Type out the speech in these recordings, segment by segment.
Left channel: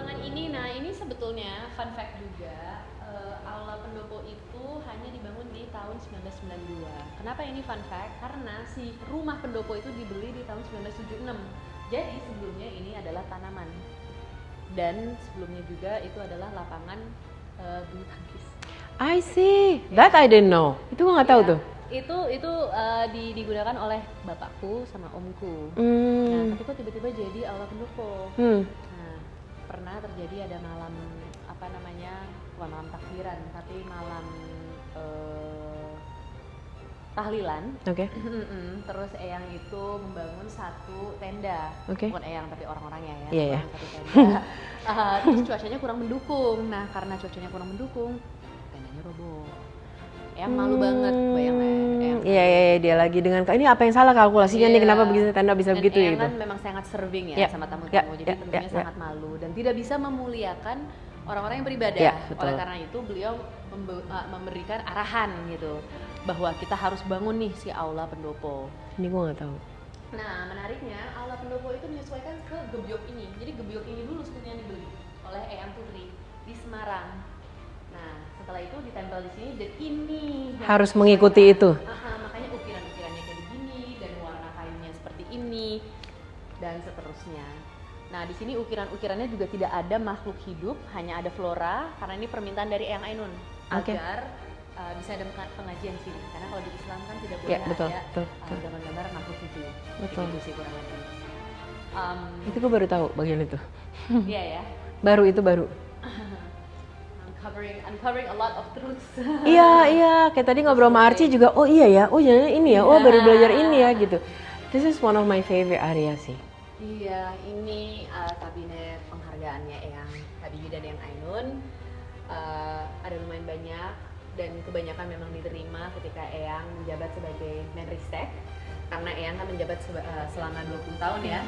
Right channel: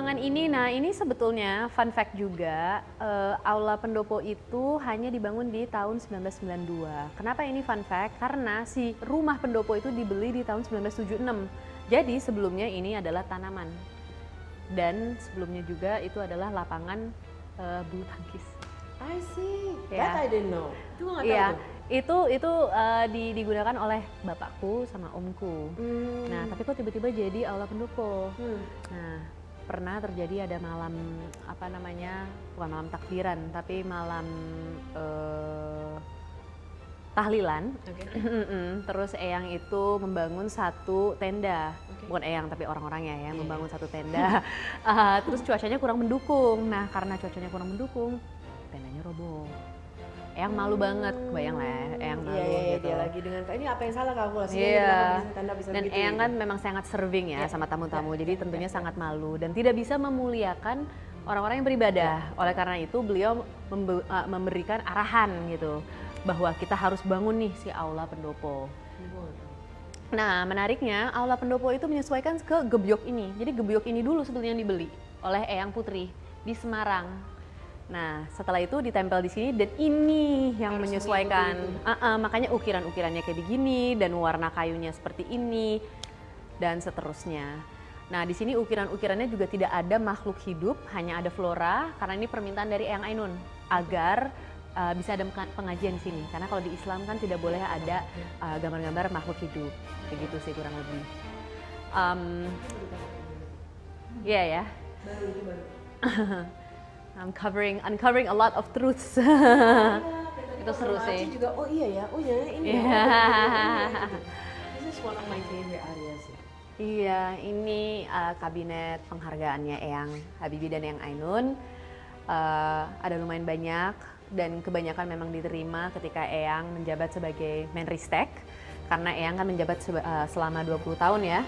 ruangan ini, nah ini sebetulnya fun fact juga, Aula Pendopo itu hanya dibangun di tahun 1992. Kenapa ini fun fact? Karena si rumah pendopo itu dibeli di tahun 1976. Jadi sebelumnya ini adalah tanaman. Dan sebelumnya juga itu adalah lapangan bulu tangkis. I see, that I didn't know. Itu gue nggak tahu tuh. Itu digunakan oleh bapakku sama omku. Nah, tapi kok tiba-tiba jadi Aula Pendopo. Nah, pernah terjadi ada malam bukan malam takbiran, tapi malam tahlilan. Oke. Terus Eyang itu membangun satu tenda. Bukan Eyang tapi orang-orangnya ya, membangun satu tenda. Terus cuacanya kurang mendukung. Nah, karena cuacanya kurang mendukung, tendanya roboh. Eyang malu banget, bayang lah. Iya, dia lagi dengan ini apa yang salah kalkulasinya nih, kenapa begitu tenda bisa begitu Eyang gitu. kan memang sangat serving ya sama tamu-tamu, jadi tentunya sangat malu dan tidak bisa memuliakan orang-orang yang beribadah. Oleh karena itu beliau memberikan arahan gitu bahwa kita harus bangun nih si Aula Pendopo. Ini gue nggak tahu. Nah, menariknya Aula Pendopo itu menyesuaikan ke gebyok ini. Jadi gebyok ini dulu sebetulnya yang dibeli oleh Eyang Putri di Semarang. Nah, setelah itu ditempel di sini dan ini yang harus mengikuti itu. Makanya ukiran-ukirannya kayak begini dan warna kayunya seperti ini dan seterusnya. Nah, di sini ukiran-ukirannya juga tidak ada makhluk hidup, hanya ada flora karena ini permintaan dari Eyang Ainun agar bisa ada pengajian di sini. Karena kalau di Islam kan tidak boleh ada gambar-gambar makhluk hidup. Begitu sih kurang lebih. Itu gue baru tahu bagian itu. Iya ya. Baru itu baru. Uncovering a lot of truths. Iya, kayak tadi ngobrol sama Archie juga, oh iya ya, oh ya ini ya, oh baru belajar ini ya gitu. This is one of my favorite area sih. Iya, ini kabinet penghargaannya Eyang Habibie dan Eyang Ainun. Ada lumayan banyak dan kebanyakan memang diterima ketika Eyang menjabat sebagai Menristek. Karena Eyang kan menjabat selama 20 tahun ya.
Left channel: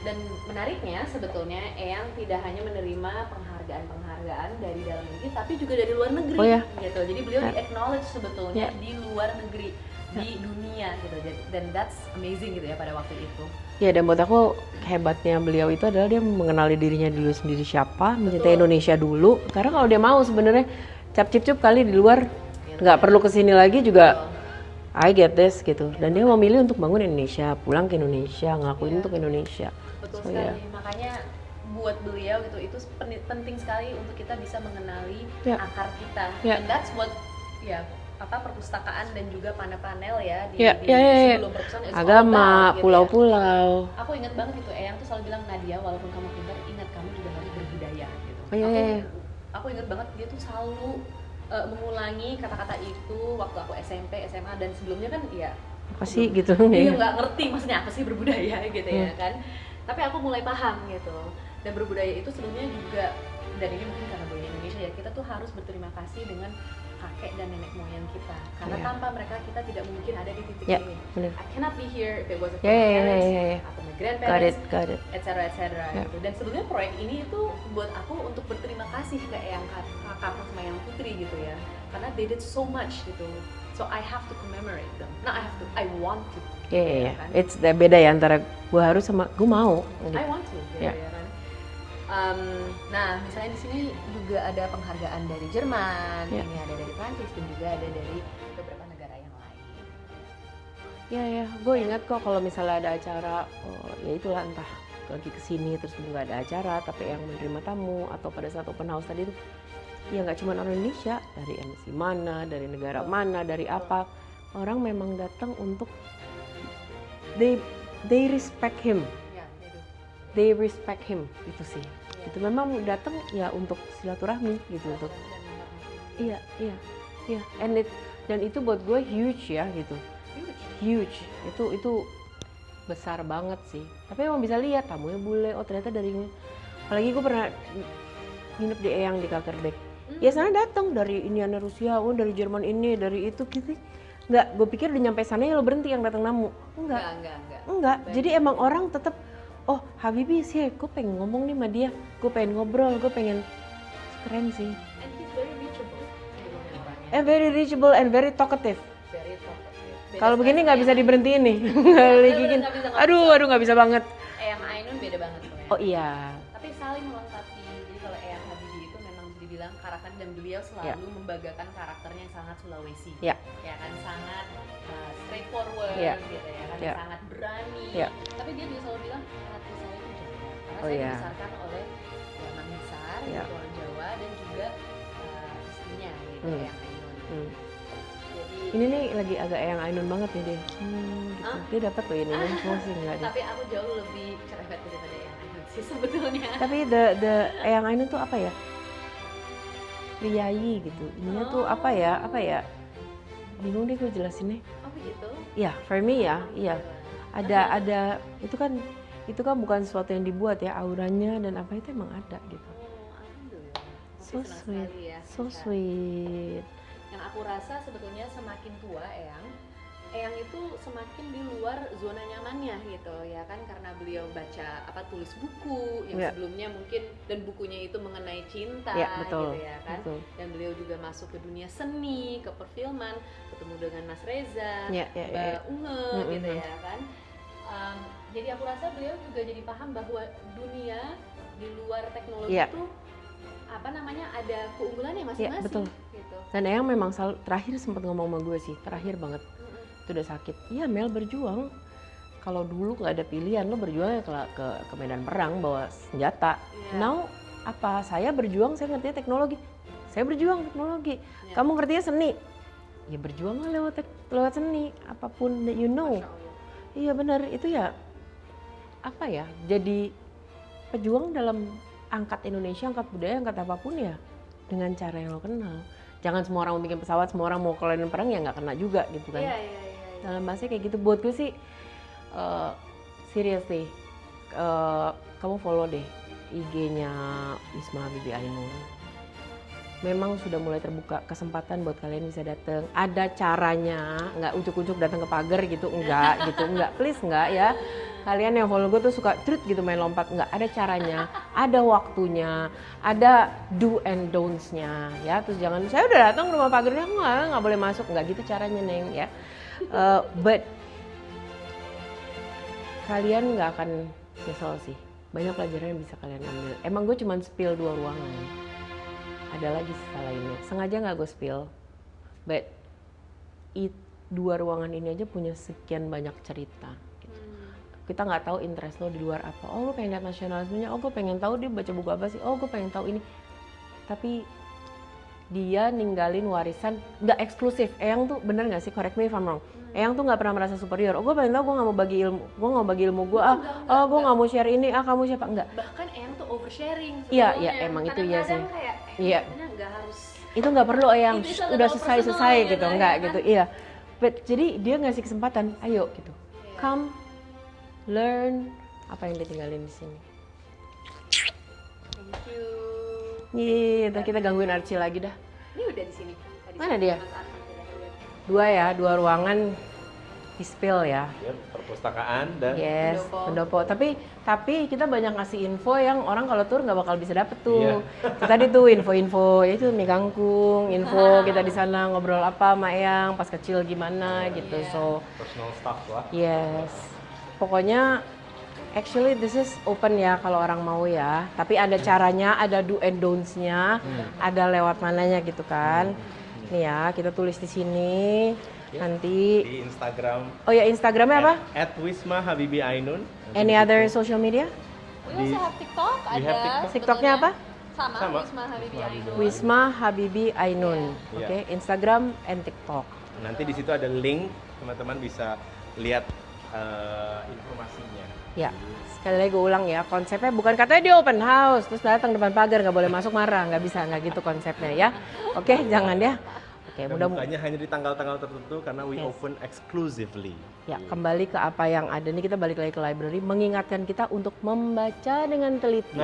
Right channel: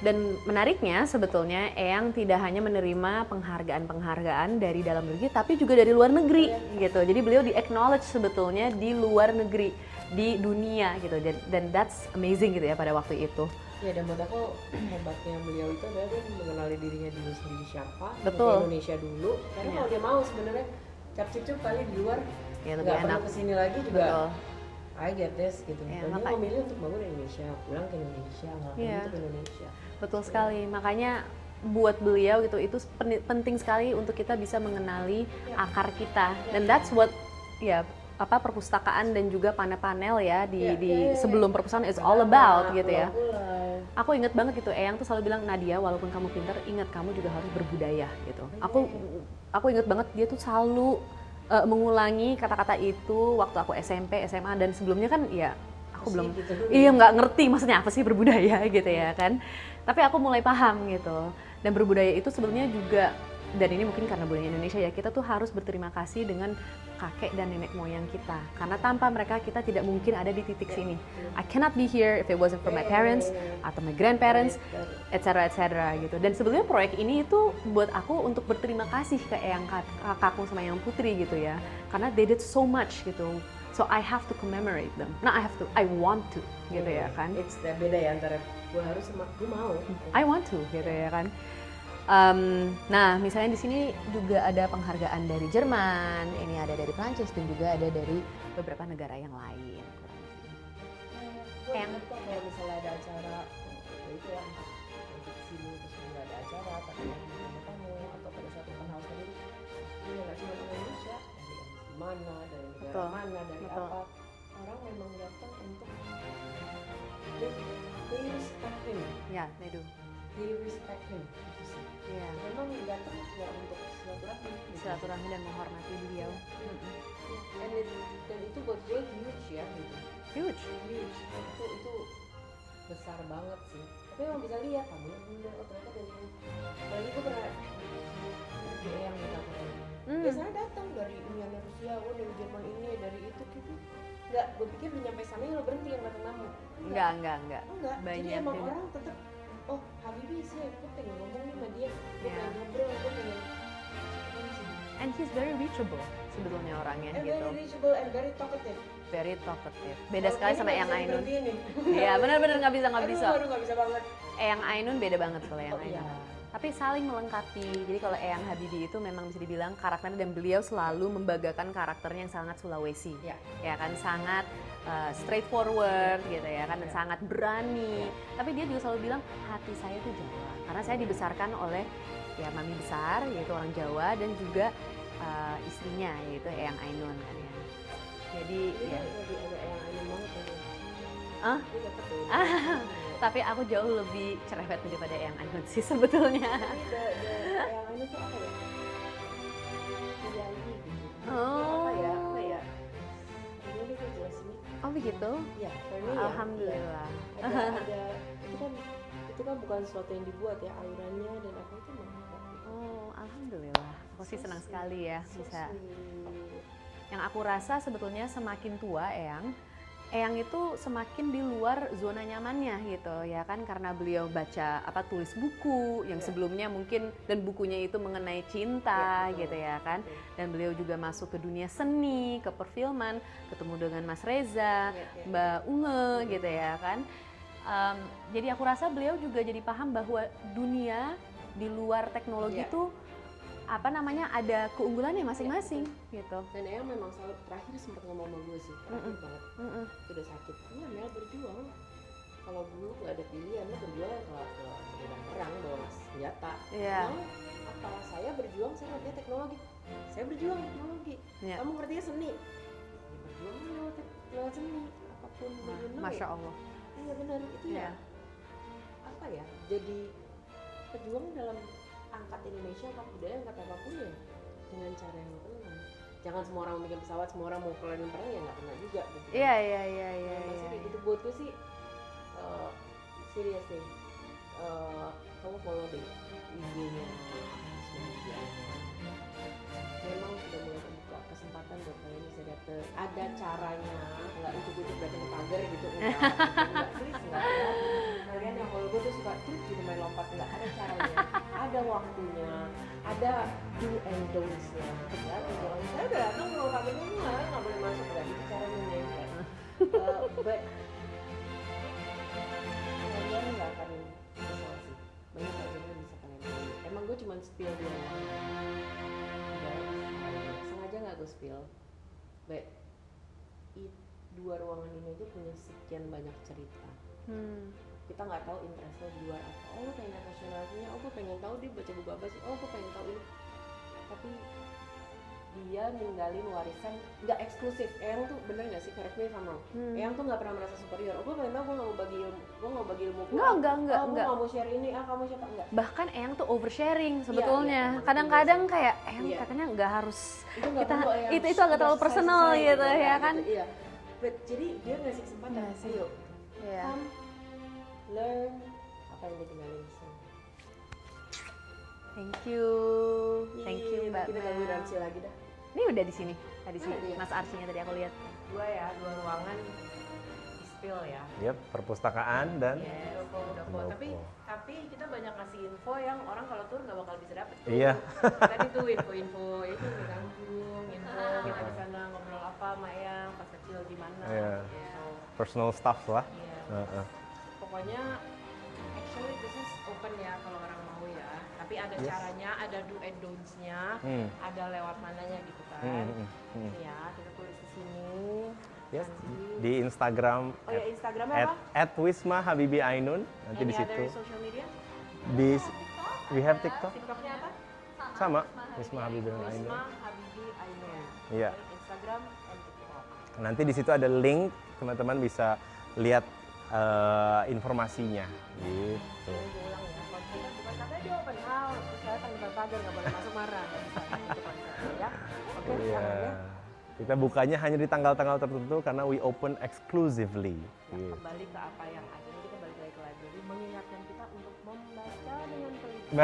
Dan menariknya sebetulnya Eyang tidak hanya menerima penghargaan-penghargaan dari dalam negeri tapi juga dari luar negeri gitu. Jadi beliau di-acknowledge sebetulnya di luar negeri, di dunia gitu. Dan that's amazing gitu ya pada waktu itu. Ya, dan buat aku hebatnya beliau itu adalah dia mengenali dirinya dulu sendiri siapa, mencintai Indonesia dulu. Karena kalau dia mau sebenarnya cap-cip-cup kali di luar nggak perlu kesini lagi juga. I get this gitu. Dan dia memilih untuk bangun Indonesia, pulang ke Indonesia, ngelakuin untuk Indonesia. Betul sekali. Makanya buat beliau gitu itu penting sekali untuk kita bisa mengenali akar kita. Dan that's what perpustakaan dan juga panel-panel ya di sebelum perpustakaan is all about gitu pulau-pulau. Aku inget banget gitu, Eyang tuh selalu bilang, Nadia walaupun kamu pintar, ingat kamu juga harus berbudaya gitu. Aku inget banget dia tuh selalu mengulangi kata-kata itu waktu aku SMP, SMA dan sebelumnya kan ya apa sih gitu. Iya nggak ngerti maksudnya apa sih berbudaya gitu ya kan. Tapi aku mulai paham gitu. Dan berbudaya itu sebenarnya juga, dan ini mungkin karena budaya Indonesia ya, kita tuh harus berterima kasih dengan kakek dan nenek moyang kita. Karena tanpa mereka kita tidak mungkin ada di titik ini. I cannot be here if it wasn't for my parents atau my grandparents, etc. gitu. Dan sebenarnya proyek ini itu buat aku untuk berterima kasih ke Eyang kakakku sama Eyang Putri gitu ya. Karena they did so much gitu. So I have to commemorate them. Nah, I want to. Gitu ya kan? It's beda ya antara gue harus sama gue mau. I want to, gitu ya kan. Nah, misalnya di sini juga ada penghargaan dari Jerman, ini ada dari Prancis dan juga ada dari beberapa negara yang lain. Iya, gue ingat kok kalau misalnya ada acara, ya itulah entah lagi kesini terus juga ada acara, tapi yang menerima tamu atau pada saat open house tadi tuh, ya nggak cuma orang Indonesia, dari MC mana, dari negara mana, dari apa, orang memang datang untuk they respect him. They respect him itu sih. Itu memang datang ya untuk silaturahmi gitu. Silaturahmi dan menghormati dia. Iya. Dan itu buat gue huge ya gitu. Huge. Itu besar banget sih. Tapi emang bisa lihat tamunya bule. Oh ternyata dari ini. Apalagi gue pernah nginep di Eyang di Kakerbek. Ya sana datang dari Indiana Rusia, dari Jerman ini, dari itu gitu. Enggak, gue pikir udah nyampe sana ya lo berhenti yang datang namu. Enggak. Jadi emang orang tetap, oh Habibie sih, gue pengen ngomong nih sama dia, gue pengen ngobrol, gue pengen, keren sih. And he's very reachable sebetulnya orangnya. And very reachable and very talkative. Very talkative. Kalau begini nggak bisa diberhentiin nih. Bener, nggak bisa. Aduh nggak bisa banget. Eyang Ainun beda banget kalau Eyang Oh Ainun. iya. Tapi saling melengkapi. Jadi kalau Eyang Habibie itu memang bisa dibilang karakternya, dan beliau selalu membagakan karakternya yang sangat Sulawesi. Ya. Ya kan, sangat straightforward gitu ya kan, Ya. sangat berani. Ya. Tapi dia juga selalu bilang hati saya itu Jawa. Karena Oh, saya iya. dibesarkan oleh ya mami besar Ya. gitu, orang Jawa, dan juga istrinya gitu, Eyang Ainun. Jadi Ini nih lagi agak Eyang Ainun banget nih deh. Hah? Dia dapat loh ini. Sih, enggak deh. tapi aku jauh lebih cerewet daripada Eyang Ainun sih sebetulnya. Tapi the Eyang Ainun tuh apa ya? Priayi gitu. Ini tuh apa ya? Bingung deh gue jelasinnya. Oh begitu? Ya, for me ya. Iya. Alhamdulillah. Ada itu kan bukan sesuatu yang dibuat ya, auranya dan apa itu emang ada gitu. Oh, alhamdulillah. Aku sih So senang sweet. sekali ya. So bisa. sweet. Yang aku rasa sebetulnya semakin tua Eyang itu semakin di luar zona nyamannya gitu ya kan, karena beliau baca tulis buku yang sebelumnya mungkin, dan bukunya itu mengenai cinta betul, gitu ya kan. betul. Dan beliau juga masuk ke dunia seni, ke perfilman, ketemu dengan Mas Reza, Mbak Unge gitu ya kan. Jadi aku rasa beliau juga jadi paham bahwa dunia di luar teknologi itu ada keunggulannya masing-masing gitu. Dan Eyang memang selalu terakhir sempat ngomong sama gue sih, terakhir banget. Itu udah sakit. Iya Mel, berjuang. Kalau dulu nggak ada pilihan, lo berjuang ya ke medan perang bawa senjata. Now apa? Saya berjuang, saya ngerti teknologi. Saya berjuang teknologi. Kamu ngertinya seni. Ya berjuang lewat seni, apapun that you know. Masya Allah. Iya benar, itu ya apa ya? Jadi pejuang dalam angkat Indonesia, angkat budaya, angkat apapun ya dengan cara yang lo kenal. Jangan semua orang mau bikin pesawat, semua orang mau kolanin perang ya nggak kena juga gitu kan. Iya. Dalam bahasa kayak gitu, buat gue sih seriously, kamu follow deh IG-nya Wisma Habibie Ainun. Memang sudah mulai terbuka kesempatan buat kalian bisa datang. Ada caranya, nggak ujuk-ujuk datang ke pagar gitu, enggak gitu, enggak, please enggak ya. Kalian yang follow gue tuh suka trut gitu main lompat, enggak, ada caranya, ada waktunya, ada do and don'ts-nya ya. Terus jangan, saya udah datang ke rumah pagarnya, nggak boleh masuk, enggak gitu caranya Neng ya. But kalian nggak akan nyesel sih, banyak pelajaran yang bisa kalian ambil. Emang gue cuma spill 2 ruangan, ada lagi sisa lainnya, sengaja nggak gue spill, but 2 ruangan ini aja punya sekian banyak cerita gitu. Kita nggak tahu interest lo di luar apa. Oh gue pengen lihat nasionalismenya, oh gue pengen tahu dia baca buku apa sih, oh gue pengen tahu ini. Tapi dia ninggalin warisan nggak eksklusif. Eyang tuh bener nggak sih, correct me if I'm wrong, Eyang tuh nggak pernah merasa superior. Oh gue pengen tahu, gue nggak mau bagi ilmu gue, gue nggak mau share ini, kamu siapa, enggak. Bahkan Eyang tuh oversharing Iya, sebetulnya. emang kadang-kadang itu kayak Eyang katanya nggak harus, itu nggak perlu Eyang, itu agak udah terlalu selesai personal gitu, enggak ya kan? gitu. Iya, but jadi dia ngasih kesempatan, ayo gitu, come learn apa yang ditinggalin di sini. Thank you. Iya, kita gangguin Archie lagi dah. Ini udah di sini. Mana dia? Mas Archie-nya tadi aku lihat. 2 ruangan Ispil ya. Yep, perpustakaan dan Yes, pendopo. Tapi kita banyak ngasih info yang orang kalau tur nggak bakal bisa dapet tuh. Iya. Tadi tuh info itu mie kangkung, info kita di sana ngobrol apa sama Eyang pas kecil gimana gitu. So personal stuff lah. yes, pokoknya actually this is open ya kalau orang mau ya. Tapi ada caranya, ada do and don'ts-nya, ada lewat mananya gitu kan. Nih ya, kita tulis di sini. Nanti Di Instagram oh ya Instagramnya apa? @Wisma Habibie Ainun. Any other social media? Di TikTok We have TikTok. TikToknya apa? Sama. Wisma Habibie Ainun. Wisma Habibie Ainun. Iya. Oke, Instagram and TikTok. Nanti di situ ada link, teman-teman bisa lihat informasinya. Ya, sekali lagi gue ulang ya, konsepnya bukan katanya dia open house, terus datang depan pagar nggak boleh masuk marah, nggak bisa, nggak gitu konsepnya ya. Oke, jangan ya. Oke, Kita bukanya hanya di tanggal-tanggal tertentu karena we open exclusively. Ya, kembali ke apa yang ada nih, kita balik lagi ke library, mengingatkan kita untuk membaca dengan teliti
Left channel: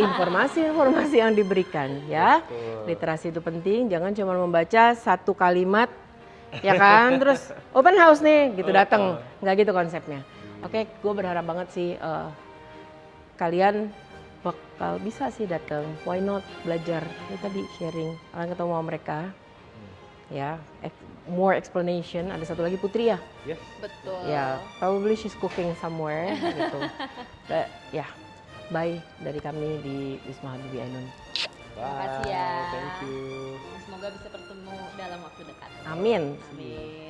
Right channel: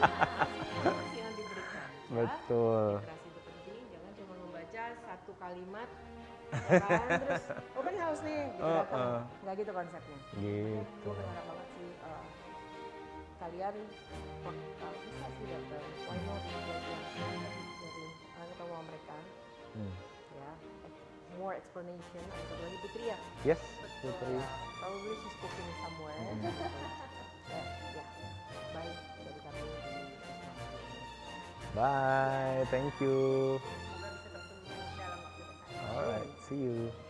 informasi-informasi yang diberikan ya. Betul. Literasi itu penting, jangan cuma membaca satu kalimat ya kan, terus open house nih gitu datang, nggak gitu konsepnya. Oke, gue berharap banget sih kalian bakal bisa sih datang, why not belajar. Ini tadi sharing, kalian ketemu sama mereka ya, more explanation. Ada satu lagi Putri ya. Yes. Betul. Ya, probably she's cooking somewhere gitu. Ya, bye dari kami di Wisma Habibie Ainun. Bye. Makasih ya. Thank you. Semoga bisa bertemu dalam waktu dekat. Amin. Amin.